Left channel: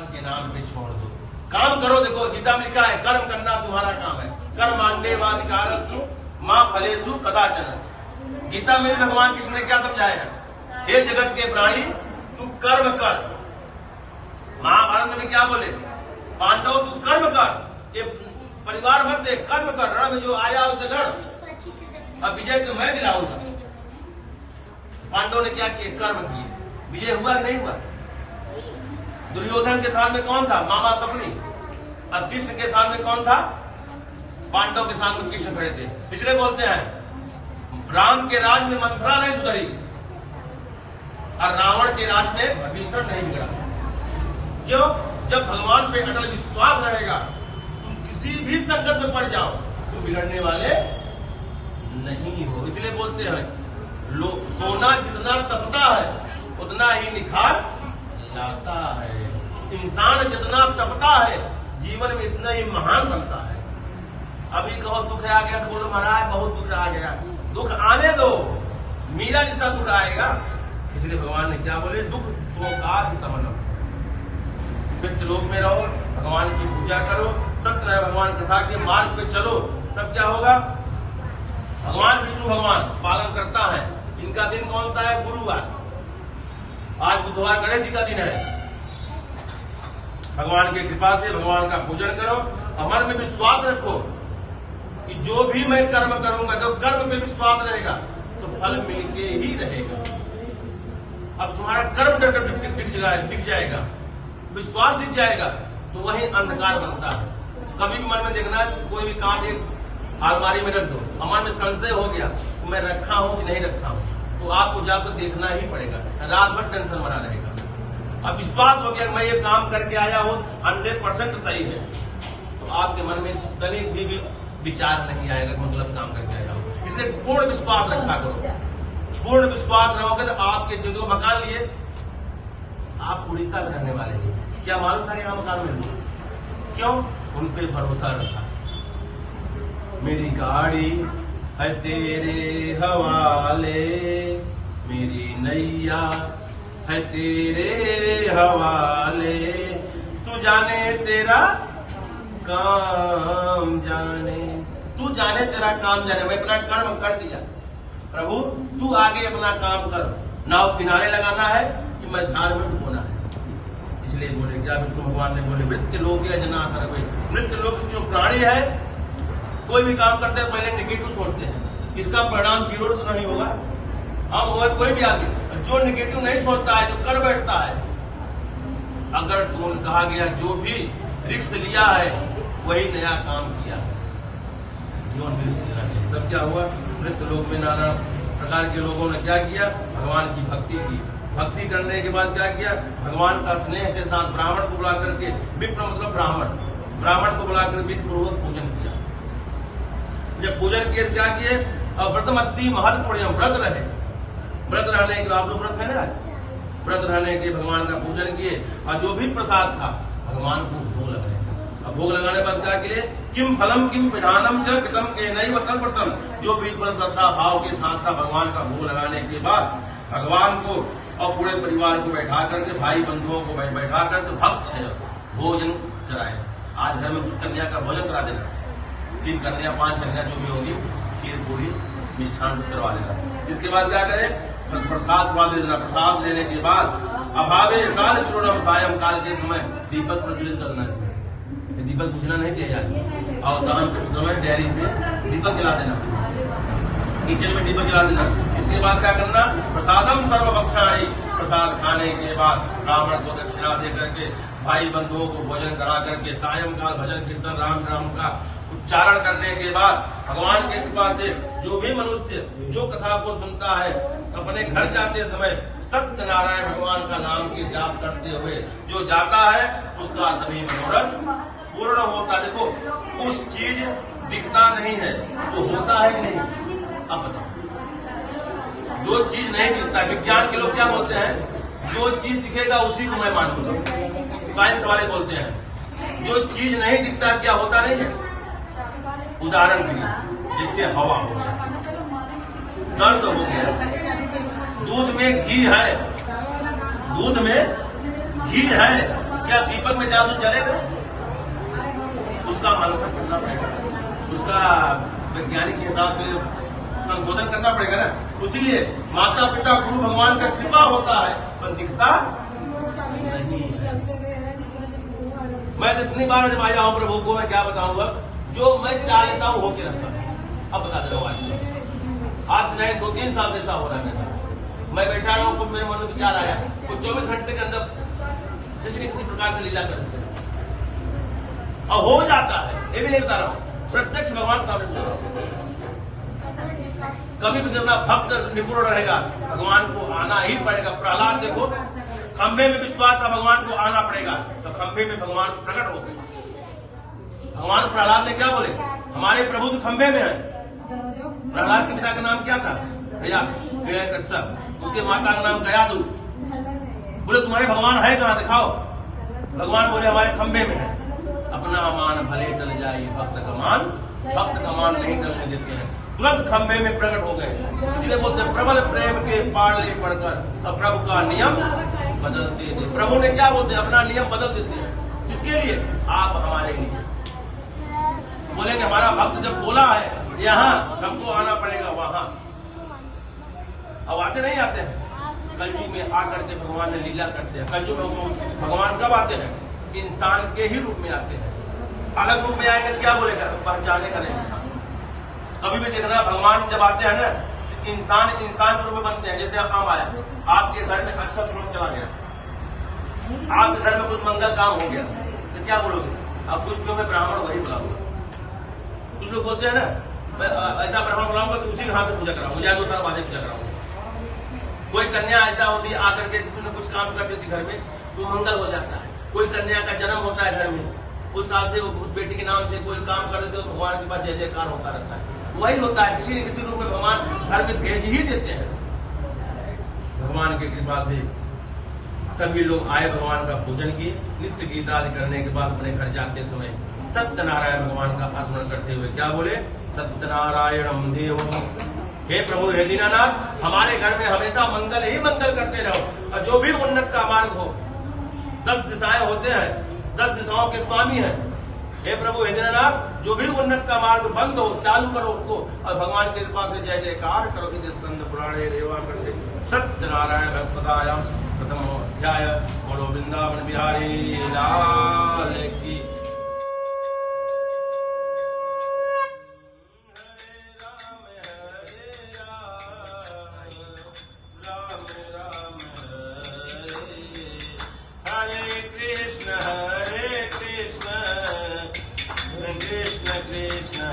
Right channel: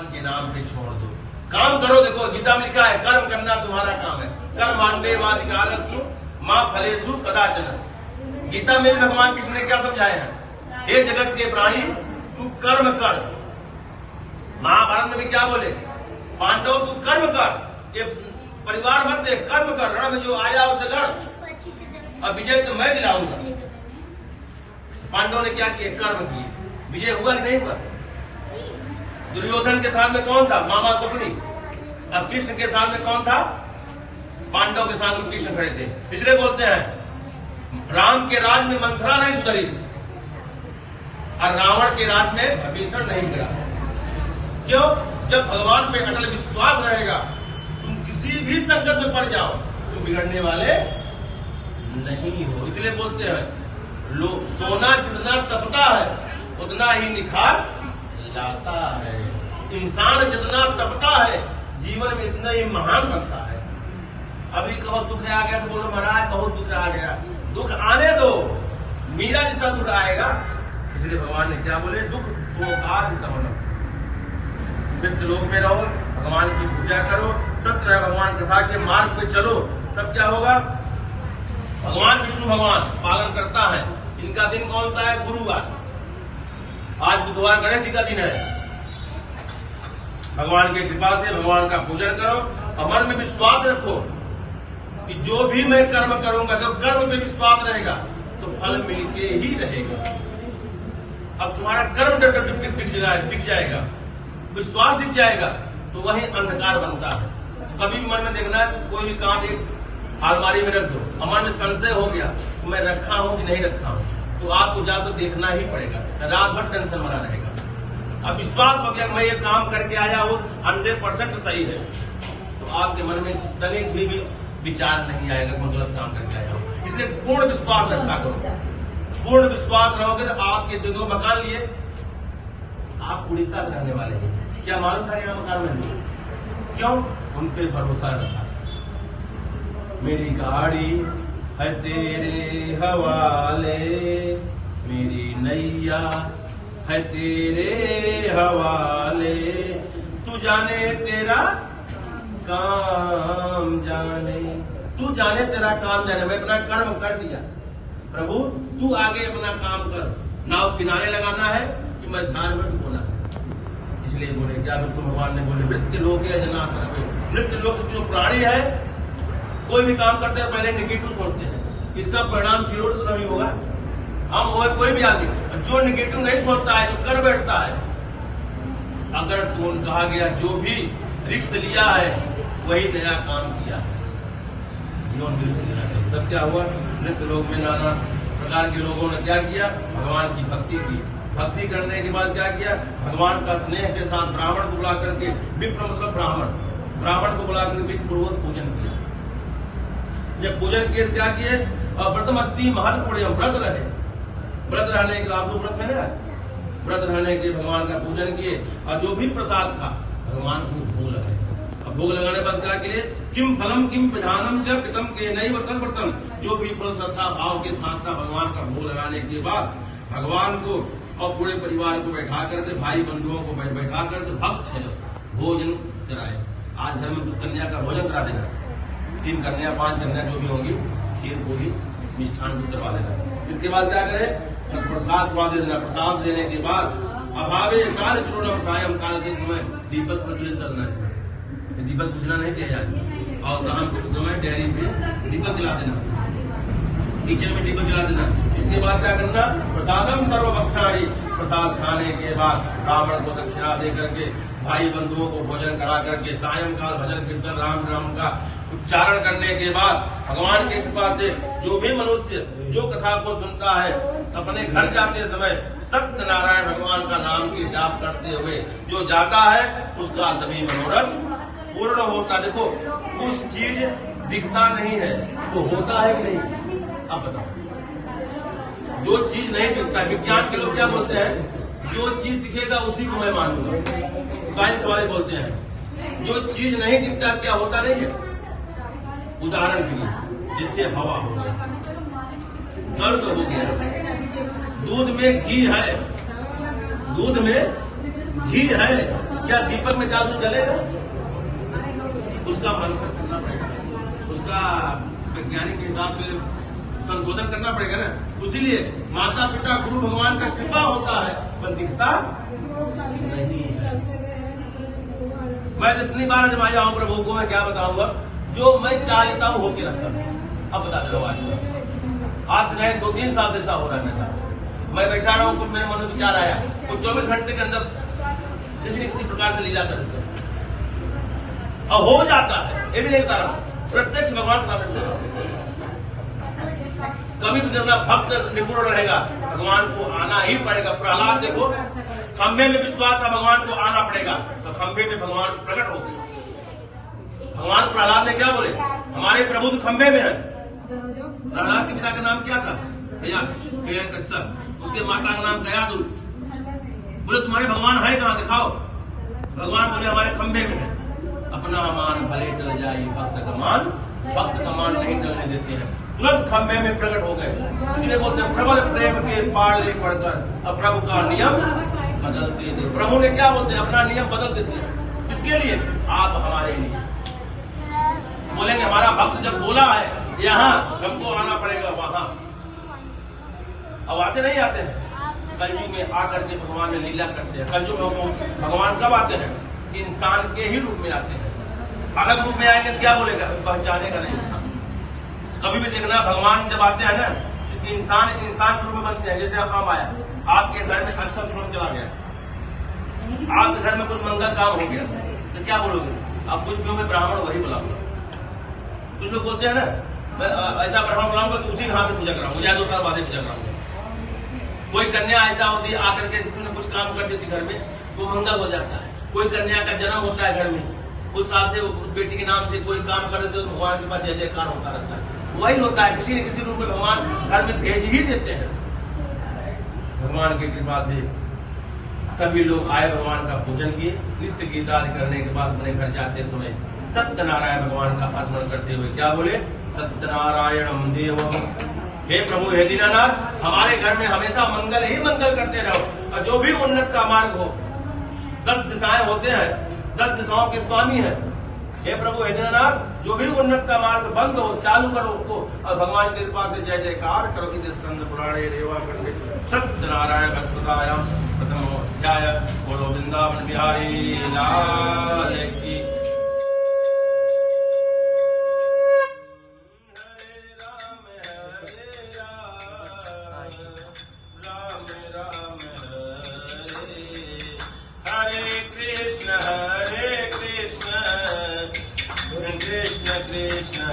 भगवान के नाम पे छोड़ दो, काम करो। देखो गीता में लिखा है कर्म करना तुम्हारा काम है, कर्माण्येवाधिकारस्तु मां फलेषु कदाचन। गीता में भी भगवान कृष्ण ने क्या समझाया है, हे जगत के प्राणी तू कर्म कर। महाभारत में क्या बोले, पांडव तू कर्म कर, ये परिवार मत दे, कर्म कर, रण में जो आया उसे लड़, और विजय तो मैं दिलाऊंगा। पांडव ने क्या किया, कर्म किए, विजय हुआ नहीं हुआ। दुर्योधन के साथ में कौन था, मामा सपनी, और कृष्ण के साथ में कौन था, पांडव के साथ में कृष्ण खड़े थे। इसलिए बोलते हैं राम के राज में मंथरा नहीं सुधरी और रावण के राज में विभीषण नहीं गिरा। क्यों, जब भगवान पे अटल विश्वास रहेगा, तुम किसी भी संकट में पड़ जाओ तुम बिगड़ने वाले नहीं हो। इसलिए बोलते हैं लोग सोना जितना तपता है उतना ही निखार जाता है, इंसान जितना तपता है जीवन में इतना ही महान बनता है। अभी कहो दुख आ गया तो बोलो महाराज बहुत दुख आ गया, दुख आने दो, मीरा जैसा दुख आएगा। इसलिए भगवान ने क्या बोले, दुख शोकादि समनम, मृत्यु लोक में रहो, भगवान की पूजा करो, सत्य भगवान कथा के मार्ग पे चलो, तब क्या होगा। भगवान विष्णु भगवान पालन करता है। इनका दिन कौन सा है, गुरुवार। आज बुधवार गणेश जी का दिन है। भगवान की कृपा से भगवान का पूजन करो और मन में विश्वास रखो कि जो भी मैं कर्म करूंगा, जब कर्म में विश्वास रहेगा तो फल मिलके ही रहेगा। अब तुम्हारा कर्म दिख जाएगा, विश्वास दिख जाएगा, तो वही अंधकार बनता है। कभी भी मन में देखना है, कोई भी काम एक अलमारी में रख दो, मन में संशय हो गया तो मैं रखा हूं कि नहीं रखा हूं, तो आपको जाकर देखना ही पड़ेगा, रात भर टेंशन बना रहेगा। अब विश्वास हो गया मैं ये काम करके आया हूं 100% सही है, तो आपके मन में तनिक भी विचार नहीं आएगा मैं गलत काम करके आया हूं। इसलिए पूर्ण विश्वास रखा करो। पूर्ण विश्वास रहोगे तो आपके जो मकान लिए, आप उड़ीसा में रहने वाले हैं, क्या मालूम था यहाँ मकान में, क्यों, उन पे भरोसा रखा। मेरी गाड़ी है तेरे हवाले, मेरी नैया है तेरे हवाले, तू जाने तेरा काम जाने, तू जाने तेरा काम जाने। मैं अपना कर्म कर दिया, प्रभु तू आगे अपना काम कर, नाव किनारे लगाना है कि मैं धार में डुबोना है। इसलिए बोले क्या विष्णु भगवान ने बोले मृत्यु लोक है जना सर्वे, मृत्यु लोक जो प्राणी है कोई भी काम करते हैं पहले नेगेटिव सोचते हैं, इसका परिणाम जीरो तो नहीं होगा। हम वो कोई भी आदमी जो नेगेटिव नहीं सोचता है, जो कर बैठता है, अगर तो कहा गया जो भी रिस्क लिया है वही नया काम किया है, जीवन में रिस्क लेना नहीं। तब क्या हुआ, मृत्यु लोक में नाना प्रकार के लोगों ने क्या किया, भगवान की भक्ति की। भक्ति करने के बाद क्या किया, भगवान का स्नेह के साथ ब्राह्मण को बुला करके, विप्र मतलब ब्राह्मण को बुला कर विधि पूर्वक पूजन किया। जब पूजन किए क्या किए, व्रतमस्ति महत्वपूर्ण, व्रत रहे, व्रत रहने के आप लोग व्रत है ना, व्रत रहने के भगवान का पूजन किए और जो भी प्रसाद था भगवान को भोग लगाए। अब भोग लगाने बाद क्या किए, किम फलम किम प्रधानम च कृतम के नहीं वतल व्रतम, जो भी श्रद्धा भाव के साथ था भगवान का भोग लगाने के बाद भगवान को और पूरे परिवार को बैठा करके, भाई बंधुओं को बैठा करके भक्त भोजन कराए। आज घर में कुछ कन्या का भोजन करा देना, 3 कन्या 5 कन्या जो भी होगी, खीर पूरी मिष्ठान करवा देना। इसके बाद क्या करें, प्रसाद दे देना। प्रसाद देने के बाद अभावे साल चुनम सायं काल के समय दीपक प्रज्वलित करना चाहिए, दीपक बुझना नहीं चाहिए। और शाम के समय डेयरी पे दीपक जला देना, किचन में दीपक जला देना। इसके बाद क्या करना, प्रसादम सर्वभक्षाणी, प्रसाद खाने के बाद ब्राह्मण को दक्षिणा दे करके, भाई बंधुओं को भोजन करा करके, सायंकाल भजन कीर्तन राम नाम का उच्चारण करने के बाद भगवान की कृपा से जो भी मनुष्य जो कथा को सुनता है, अपने घर जाते समय सत्यनारायण भगवान का नाम के जाप करते हुए जो जाता है उसका सभी मनोरथ पूर्ण होता। देखो कुछ चीज दिखता नहीं है तो होता है कि नहीं, आप बताओ। जो चीज नहीं दिखता, विज्ञान के लोग क्या बोलते हैं, जो चीज दिखेगा उसी को मैं मान लूंगा। साइंस वाले बोलते हैं जो चीज नहीं दिखता क्या होता नहीं है। उदाहरण के लिए जैसे हवा हो गया, दर्द हो गया, दूध में घी है, दूध में घी है, क्या दीपक में जादू जलेगा? उसका मंथन करना पड़ेगा, उसका वैज्ञानिक के हिसाब से संशोधन करना पड़ेगा ना। इसीलिए माता पिता गुरु भगवान से कृपा होता है पर दिखता नहीं है। मैं जितनी बार जमाया हूं प्रभु को, मैं क्या बताऊंगा, जो मैं चाहता हूं होके रखता। अब बता दे वाली आज नहीं 2-3 साल से ऐसा हो रहा है मेरे साथ। मैं बैठा रहा हूं, कुछ मेरे मन में विचार आया, कुछ 24 घंटे के अंदर किसी न किसी प्रकार से लीला करते हैं और हो जाता है। ये भी नहीं बता रहा हूं, प्रत्यक्ष भगवान सामने कभी भी अपना भक्त निपुण रहेगा, भगवान को आना ही पड़ेगा। प्रहलाद देखो, खंभे में विश्वास था, भगवान को आना पड़ेगा, तो खंभे में भगवान प्रकट हो गए। भगवान प्रहलाद ने क्या बोले, हमारे प्रभु तो खंभे में है। प्रहलाद के पिता का नाम क्या था? उसके माता का नाम गयादु। बोले तुम्हारे भगवान है कहाँ, दिखाओ। भगवान बोले हमारे खंभे में है। अपना मान भले टल जाए, भक्त का मान नहीं टलने देते हैं। तुरंत खंभे में प्रकट हो गए। इसलिए बोलते हैं प्रबल प्रेम के पाले पड़कर और प्रभु का नियम बदलते थे। प्रभु ने क्या बोलते हैं, अपना नियम बदल देते हैं। किसके लिए? आप हमारे लिए। बोलेंगे हमारा भक्त जब बोला है यहाँ, हमको आना पड़ेगा वहां। अब आते नहीं आते हैं। कलयुग में आकर के भगवान ने लीला करते हैं। कलयुग में भगवान कब आते हैं? इंसान के ही रूप में आते हैं। अलग रूप में आएंगे क्या बोलेगा, पहचानेगा नहीं इंसान। कभी भी देखना, भगवान जब आते हैं ना, इंसान के रूप में बनते हैं। जैसे आप आया, आपके घर में अच्छा तुरंत चला गया, आपके घर में कुछ मंगल काम हो गया, तो क्या बोलोगे? अब कुछ भी मैं ब्राह्मण वही बुलाऊंगा। कुछ लोग बोलते हैं ना, मैं ऐसा ब्राह्मण बुलाऊंगा कि उसी हाथ से पूजा कराऊंगा या 2 साल बाद पूजा कराऊंगा। कोई कन्या ऐसा होती है आकर के कुछ काम कर देती घर में, तो मंगल हो जाता है। कोई कन्या का जन्म होता है घर में, उस साल से उस बेटी के नाम से कोई काम कर देते हो तो भगवान के पास जय जयकार होता रहता है। वही होता है, किसी न किसी रूप में भगवान घर में भेज ही देते हैं। भगवान की कृपा से सभी लोग आए, भगवान का पूजन किए। नित्य गीता आदि करने के बाद अपने घर जाते समय सत्यनारायण भगवान का स्मरण करते हुए क्या बोले, सत्यनारायणम देवम। हे प्रभु, हे दीनानाथ, हमारे घर में हमेशा मंगल ही मंगल करते रहो, और जो भी उन्नत का मार्ग हो, 10 दिशाएं होते हैं, 10 दिशाओं के स्वामी हैं। हे प्रभु, हे दीनानाथ, जो भी उन्नत का मार्ग बंद हो, चालू करो उसको, और भगवान की कृपा से जय जयकार करो। इस स्कंद पुराणे रेवा कंठे सत्यनारायण भगवतायाम प्रथम अध्याय। बोलो वृंदावन बिहारी लाल की। Hare Krishna, Krishna Krishna,